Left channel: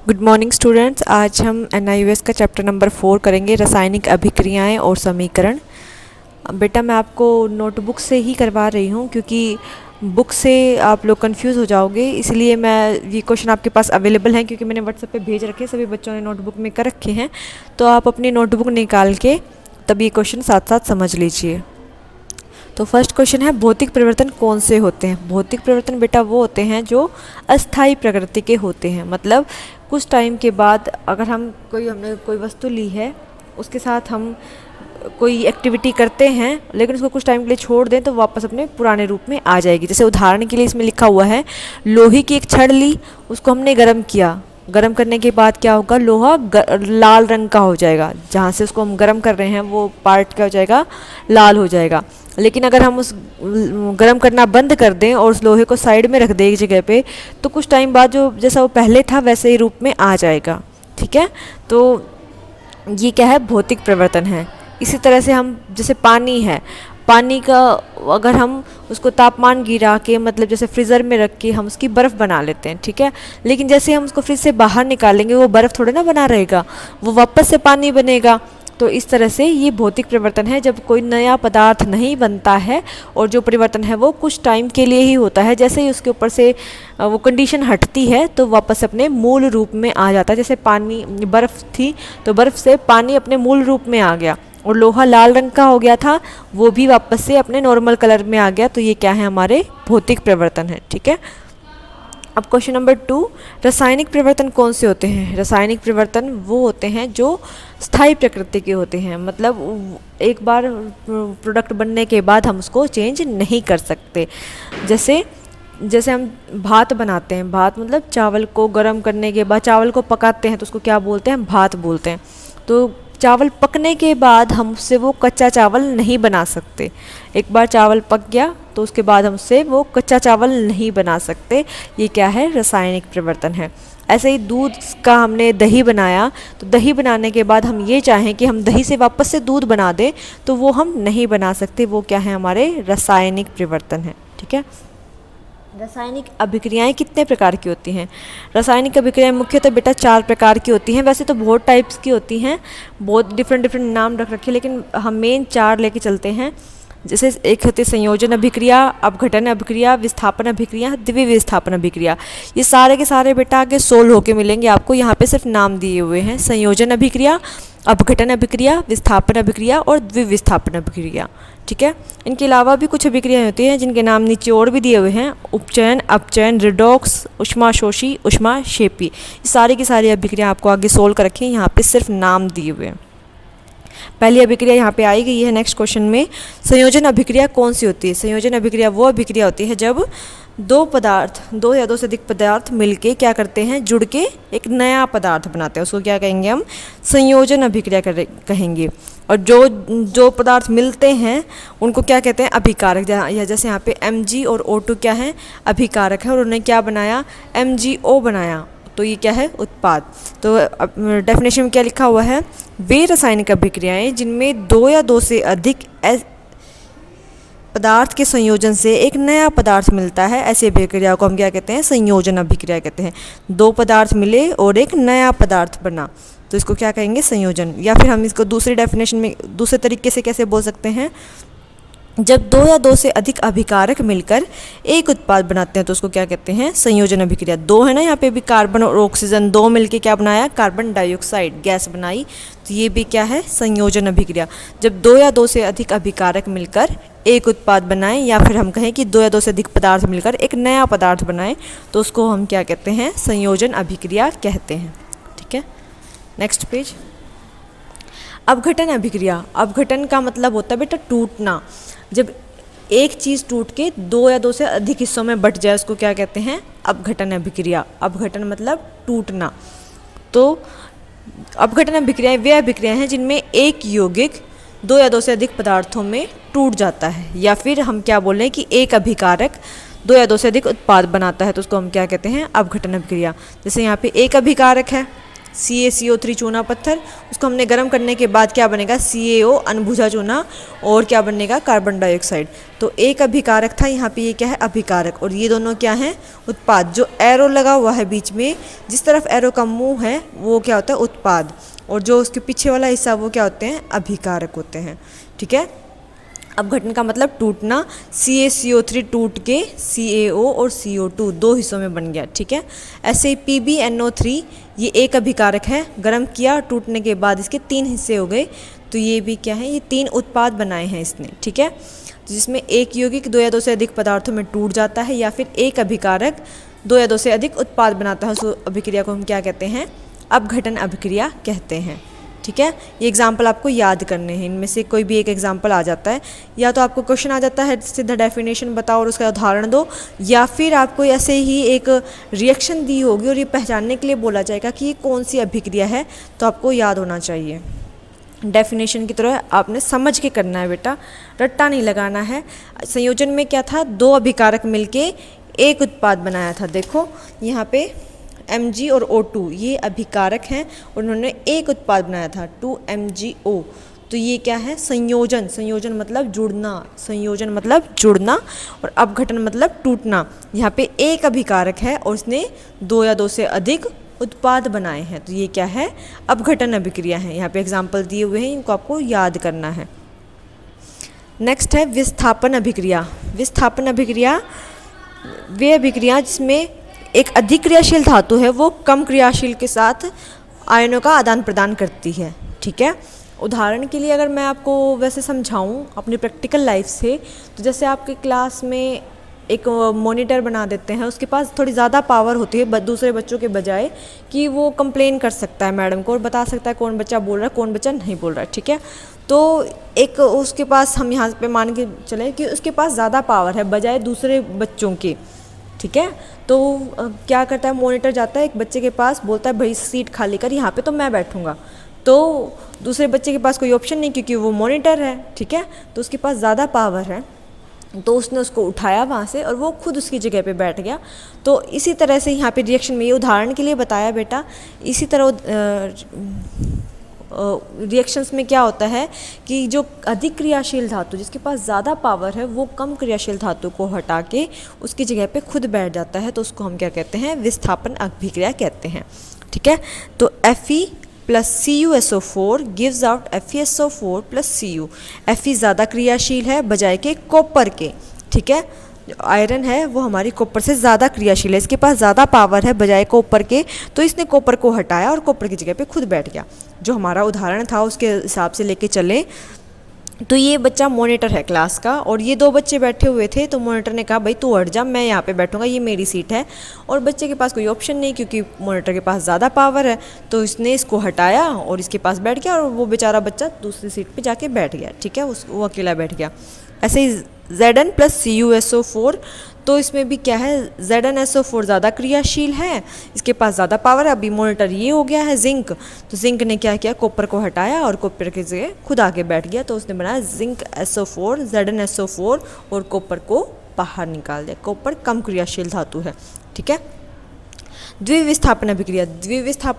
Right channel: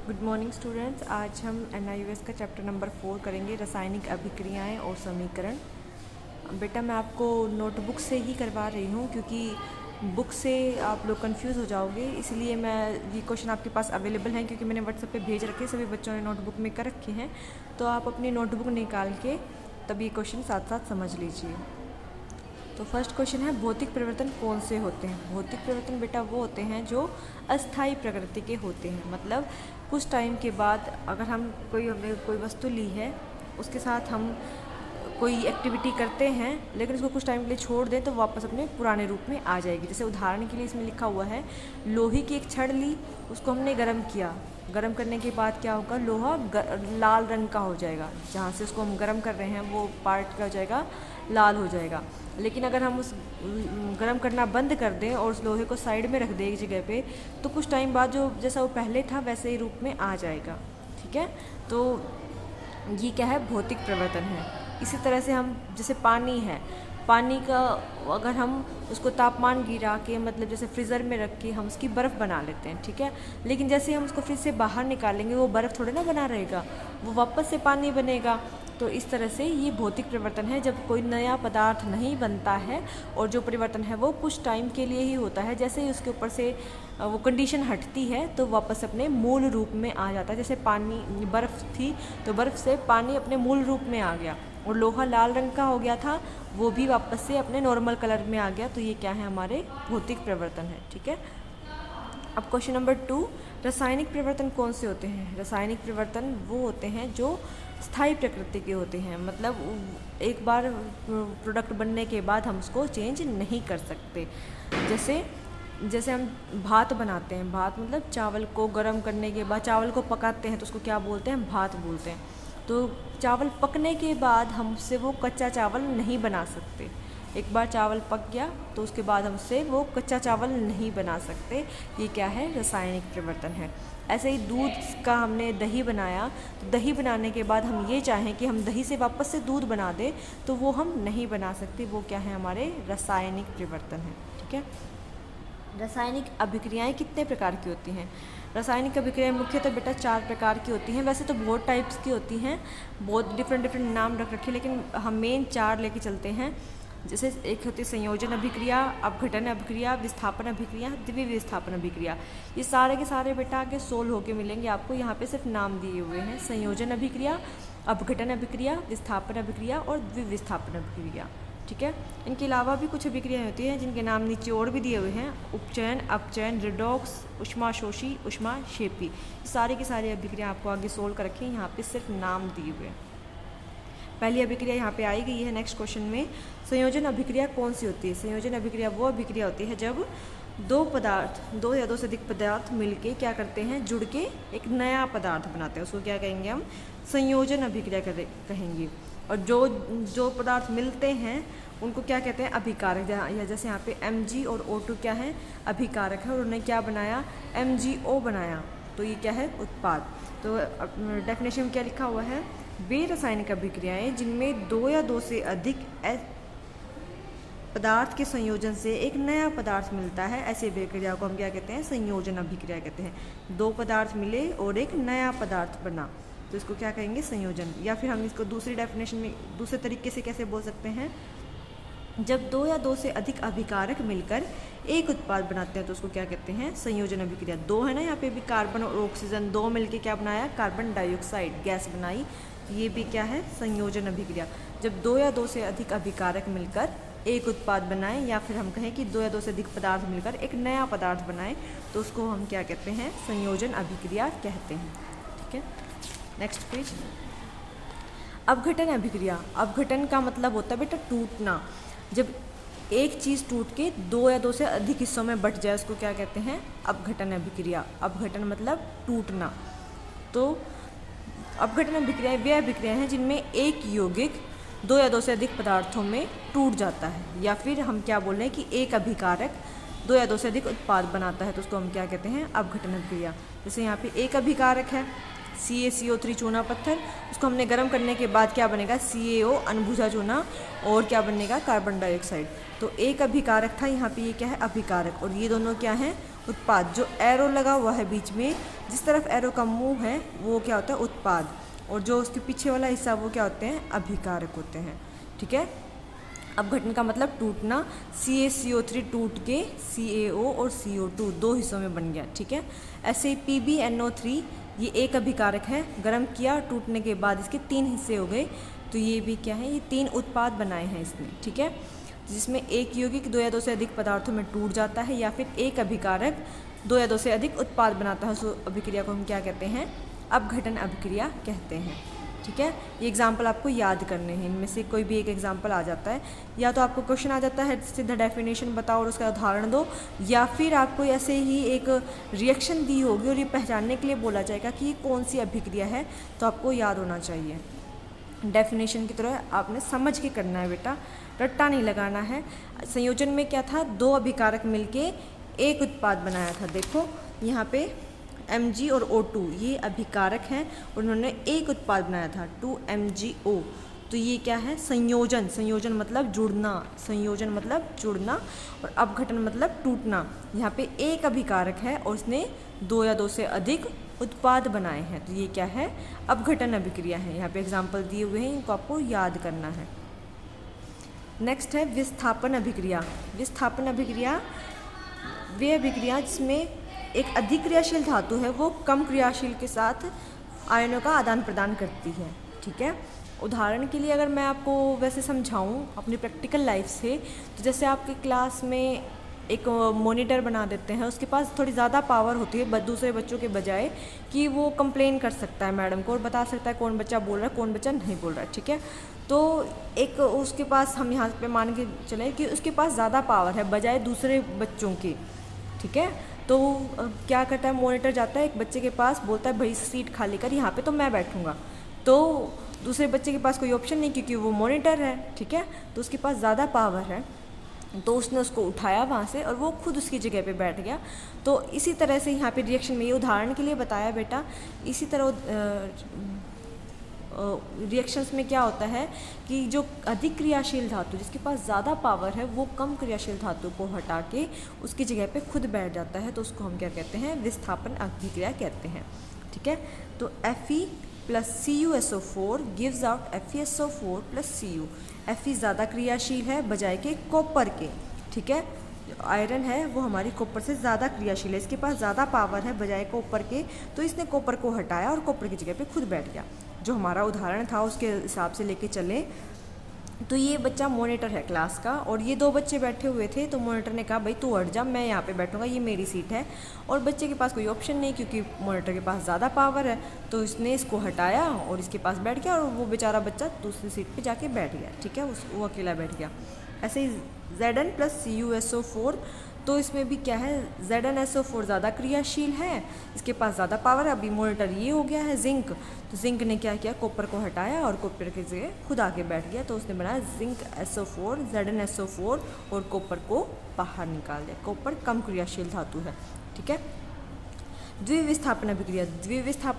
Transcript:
Good morning students. आज हम NIOS का चैप्टर नंबर 4 करेंगे, रासायनिक अभिक्रियाएं और समीकरण। बेटा मैं आपको नोटबुक से ही करवा रही हूँ क्योंकि बुक से आप लोग कंफ्यूज हो जाओगे, इसलिए मैं ये क्वेश्चन आपके पास अवेलेबल हैं क्योंकि मैंने व्हाट्सएप पे भेज रखे, सभी बच्चों ने नोटबुक में कर रखे हैं। तो आप अपनी नोटबुक निकाल के तब ये क्वेश्चन साथ साथ समझ लीजिए। तो फर्स्ट क्वेश्चन है, भौतिक परिवर्तन कौन से होते हैं। भौतिक परिवर्तन बेटा वो होते हैं जो अस्थायी प्रकृति के होते हैं। मतलब कुछ टाइम के बाद अगर हमने कोई वस्तु ली है, उसके साथ हम कोई एक्टिविटी करते हैं लेकिन उसको कुछ टाइम के लिए छोड़ दें तो वापस अपने पुराने रूप में आ जाएगी। जैसे उदाहरण के लिए इसमें लिखा हुआ है, लोहे की एक छड़ ली, उसको हमने गर्म किया, गर्म करने के बाद क्या होगा, लोहा लाल रंग का हो जाएगा। जहाँ से उसको हम गर्म कर रहे हैं वो पार्ट क्या हो जाएगा, लाल हो जाएगा। लेकिन अगर हम उस गर्म करना बंद कर दें और उस लोहे को साइड में रख दें एक जगह पे, तो कुछ टाइम बाद जो जैसा वो पहले था वैसे ही रूप में आ जाएगा। ठीक है, तो ये क्या है, भौतिक परिवर्तन है। इसी तरह से हम जैसे पानी है, पानी का अगर हम उसको तापमान गिरा के, मतलब जैसे फ्रीज़र में रख के हम उसकी बर्फ़ बना लेते हैं, ठीक है, लेकिन जैसे हम उसको फ्रिज से बाहर निकालेंगे वो बर्फ़ थोड़े ना बना रहेगा, वो वापस से पानी बनेगा। तो इस तरह से ये भौतिक परिवर्तन है, जब कोई नया पदार्थ नहीं बनता है और जो परिवर्तन है वो कुछ टाइम के लिए ही होता है। जैसे ही उसके ऊपर से वो कंडीशन हटती है तो वापस अपने मूल रूप में आ जाता है। जैसे पानी, बर्फ़ थी तो बर्फ़ से पानी अपने मूल रूप में आ गया, और लोहा लाल रंग का हो गया था, वो भी वापस से अपने नॉर्मल कलर में आ गया। तो ये क्या है, हमारे भौतिक परिवर्तन है। ठीक है, अब क्वेश्चन नंबर 2, रासायनिक परिवर्तन कौन से होते हैं। रासायनिक परिवर्तन वो होते हैं जो स्थायी प्रकृति के होते हैं। मतलब एक बार प्रोडक्ट बनने के बाद हम उसको चेंज नहीं कर सकते। जैसे जैसे हम भात बनाते हैं, भात मतलब चावल को गर्म करने के बाद चावल को पकाते हैं तो उसको क्या बोलते हैं, भात बोलते हैं। तो चावल पकने के बाद हम उससे वो कच्चा चावल नहीं बना सकते। एक बार चावल पक गया तो उसके बाद हम उससे वो कच्चा चावल नहीं बना सकते। ये क्या है, रासायनिक परिवर्तन है। ऐसे ही दूध का हमने दही बनाया, तो दही बनाने के बाद हम ये चाहें कि हम दही से वापस से दूध बना दें तो वो हम नहीं बना सकते। वो क्या है, हमारे रासायनिक परिवर्तन है। ठीक है, रासायनिक अभिक्रियाएं कितने प्रकार की होती हैं। रासायनिक अभिक्रियाएं मुख्यतः बेटा 4 प्रकार की होती हैं। वैसे तो बहुत टाइप्स की होती हैं, बहुत डिफरेंट नाम रख रखे, लेकिन हम मेन 4 लेके चलते हैं। जैसे एक होती है संयोजन अभिक्रिया, अपघटन अभिक्रिया, विस्थापन अभिक्रिया, द्वितीय विस्थापन अभिक्रिया। ये सारे के सारे बेटा आगे सोल्व होके मिलेंगे आपको, यहाँ पे सिर्फ नाम दिए हुए हैं। संयोजन अभिक्रिया, अपघटन अभिक्रिया, विस्थापन अभिक्रिया और द्वितीय विस्थापन अभिक्रिया। ठीक है, इनके अलावा भी कुछ अभिक्रियाएं होती हैं जिनके नाम नीचे और भी दिए हुए हैं। उपचयन, अपचयन, रिडॉक्स, ऊष्माशोषी, ऊष्माक्षेपी। ये सारी की सारी अभिक्रिया आपको आगे सोल्व कर रखी हैं, यहाँ पे सिर्फ नाम दिए हुए हैं। पहली अभिक्रिया यहाँ पे आई गई है नेक्स्ट क्वेश्चन में। संयोजन अभिक्रिया कौन सी होती है। संयोजन अभिक्रिया वो अभिक्रिया होती है जब दो या दो से अधिक पदार्थ मिलके क्या करते हैं, जुड़ के एक नया पदार्थ बनाते हैं। उसको क्या कहेंगे, हम संयोजन अभिक्रिया कहेंगे। और जो पदार्थ मिलते हैं उनको क्या कहते हैं, अभिकारक। या जैसे यहाँ पे Mg और O2 क्या है, अभिकारक है, और उन्होंने क्या बनाया, MgO बनाया। तो ये क्या है, उत्पाद। तो डेफिनेशन में क्या लिखा हुआ है, वे रासायनिक अभिक्रियाएं जिनमें 2 या 2 से अधिक पदार्थ के संयोजन से एक नया पदार्थ मिलता है, ऐसी अभिक्रिया को हम क्या कहते हैं, संयोजन अभिक्रिया कहते हैं। 2 पदार्थ मिले और एक नया पदार्थ बना तो इसको क्या कहेंगे, संयोजन। या फिर हम इसको दूसरी डेफिनेशन में दूसरे तरीके से कैसे बोल सकते हैं, जब 2 या 2 से अधिक अभिकारक मिलकर एक उत्पाद बनाते हैं तो उसको क्या कहते हैं, संयोजन अभिक्रिया। 2 है ना, यहाँ पे भी कार्बन और ऑक्सीजन 2 मिलके क्या बनाया, कार्बन डाइऑक्साइड गैस बनाई। तो ये भी क्या है, संयोजन अभिक्रिया। जब 2 या 2 से अधिक अभिकारक मिलकर एक उत्पाद बनाएं, या फिर हम कहें कि 2 या 2 से अधिक पदार्थ मिलकर एक नया पदार्थ बनाएं तो उसको हम क्या कहते हैं, संयोजन अभिक्रिया कहते हैं। ठीक है, नेक्स्ट पेज। अपघटन अभिक्रिया। अपघटन का मतलब होता है बेटा टूटना। जब एक चीज़ टूट के 2 या 2 से अधिक हिस्सों में बट जाए उसको क्या कहते हैं, अपघटन अभिक्रिया। अपघटन मतलब टूटना। तो अपघटन अभिक्रियाएं वे अभिक्रियाएं हैं जिनमें एक यौगिक 2 या 2 से अधिक पदार्थों में टूट जाता है। या फिर हम क्या बोल रहे हैं कि एक अभिकारक 2 या 2 से अधिक उत्पाद बनाता है तो उसको हम क्या कहते हैं, अपघटन अभिक्रिया। जैसे यहाँ पे एक अभिकारक है CaCO3 चूना पत्थर, उसको हमने गर्म करने के बाद क्या बनेगा, CaO अनबुझा चूना, और क्या बनेगा, कार्बन डाइऑक्साइड। तो एक अभिकारक था, यहाँ पे ये क्या है, अभिकारक, और ये दोनों क्या हैं, उत्पाद। जो एरो लगा हुआ है बीच में, जिस तरफ एरो का मुंह है वो क्या होता है, उत्पाद, और जो उसके पीछे वाला हिस्सा वो क्या होते हैं, अभिकारक होते हैं। ठीक है। अपघटन का मतलब टूटना, CaCO3 टूट के CaO और CO2 दो हिस्सों में बन गया। ठीक है। ऐसे ही PbNO3 ये एक अभिकारक है, गर्म किया, टूटने के बाद इसके 3 हिस्से हो गए, तो ये भी क्या है, ये 3 उत्पाद बनाए हैं इसने। ठीक है। जिसमें एक यौगिक 2 या 2 से अधिक पदार्थों में टूट जाता है, या फिर एक अभिकारक 2 या 2 से अधिक उत्पाद बनाता है, उस अभिक्रिया को हम क्या कहते हैं, अपघटन अभिक्रिया कहते हैं। ठीक है। ये एग्जाम्पल आपको याद करने हैं, इनमें से कोई भी एक एग्जाम्पल आ जाता है, या तो आपको क्वेश्चन आ जाता है सीधा डेफिनेशन बताओ और उसका उदाहरण दो, या फिर आपको ऐसे ही एक रिएक्शन दी होगी और ये पहचानने के लिए बोला जाएगा कि ये कौन सी अभिक्रिया है, तो आपको याद होना चाहिए। डेफिनेशन की तरह आपने समझ के करना है बेटा, रट्टा नहीं लगाना है। संयोजन में क्या था, 2 अभिकारक मिलके एक उत्पाद बनाया था। देखो यहाँ पे Mg और O2 ये अभिकारक हैं और उन्होंने एक उत्पाद बनाया था 2MgO। तो ये क्या है, संयोजन। संयोजन मतलब जुड़ना, संयोजन मतलब जुड़ना, और अपघटन मतलब टूटना। यहाँ पे एक अभिकारक है और उसने 2 या 2 से अधिक उत्पाद बनाए हैं, तो ये क्या है, अपघटन अभिक्रिया है। यहाँ पे एग्जाम्पल दिए हुए हैं, इनको आपको याद करना है। नेक्स्ट है विस्थापन अभिक्रिया। विस्थापन अभिक्रिया वे अभिक्रिया जिसमें एक अधिक क्रियाशील धातु है वो कम क्रियाशील के साथ आयनों का आदान प्रदान करती है। ठीक है। उदाहरण के लिए अगर मैं आपको वैसे समझाऊं अपनी प्रैक्टिकल लाइफ से, तो जैसे आपके क्लास में एक मॉनिटर बना देते हैं, उसके पास थोड़ी ज़्यादा पावर होती है दूसरे बच्चों के बजाय, कि वो कंप्लेन कर सकता है मैडम को और बता सकता है कौन बच्चा बोल रहा है कौन बच्चा नहीं बोल रहा है। ठीक है। तो एक उसके पास, हम यहाँ पे मान के चलें कि उसके पास ज़्यादा पावर है बजाय दूसरे बच्चों के। ठीक है। तो क्या करता है, मॉनिटर जाता है एक बच्चे के पास, बोलता है भाई सीट खाली कर, यहाँ पे तो मैं बैठूंगा। तो दूसरे बच्चे के पास कोई ऑप्शन नहीं, क्योंकि वो मॉनिटर है। ठीक है। तो उसके पास ज़्यादा पावर है, तो उसने उसको उठाया वहाँ से और वो खुद उसकी जगह पे बैठ गया। तो इसी तरह से यहाँ पे रिएक्शन में, ये उदाहरण के लिए बताया बेटा, इसी तरह रिएक्शंस में क्या होता है कि जो अधिक क्रियाशील धातु जिसके पास ज़्यादा पावर है वो कम क्रियाशील धातु को हटा के उसकी जगह पे खुद बैठ जाता है, तो उसको हम क्या कहते हैं, विस्थापन अभिक्रिया कहते हैं। ठीक है। तो Fe plus CuSO4 gives out FeSO4 plus Cu। Fe ज़्यादा क्रियाशील है बजाय के कॉपर के। ठीक है। आयरन है वो हमारी कॉपर से ज़्यादा क्रियाशील है, इसके पास ज़्यादा पावर है बजाय कॉपर के, तो इसने कॉपर को हटाया और कॉपर की जगह पे खुद बैठ गया। जो हमारा उदाहरण था उसके हिसाब से लेके चले, तो ये बच्चा मॉनिटर है क्लास का और ये 2 बच्चे बैठे हुए थे, तो मॉनिटर ने कहा भाई तू हट जा, मैं यहाँ पे बैठूंगा, ये मेरी सीट है। और बच्चे के पास कोई ऑप्शन नहीं, क्योंकि मॉनिटर के पास ज़्यादा पावर है, तो इसने इसको हटाया और इसके पास बैठ गया, और वो बेचारा बच्चा दूसरी सीट पे जाके बैठ गया। ठीक है। वो अकेला बैठ गया। ऐसे ही Zn प्लस CuSO4, तो इसमें भी क्या है, ZnSO4 ज़्यादा क्रियाशील है, इसके पास ज़्यादा पावर है। अभी मॉनिटर ये हो गया है जिंक, तो जिंक ने क्या किया, कॉपर को हटाया और कॉपर की जगह खुद आके बैठ गया, तो उसने बनाया जिंक SO4, ZnSO4 और कॉपर को बाहर निकाल दिया। कॉपर कम क्रियाशील धातु है। ठीक है। द्विविस्थापन अभिक्रिया। द्विविस्थापन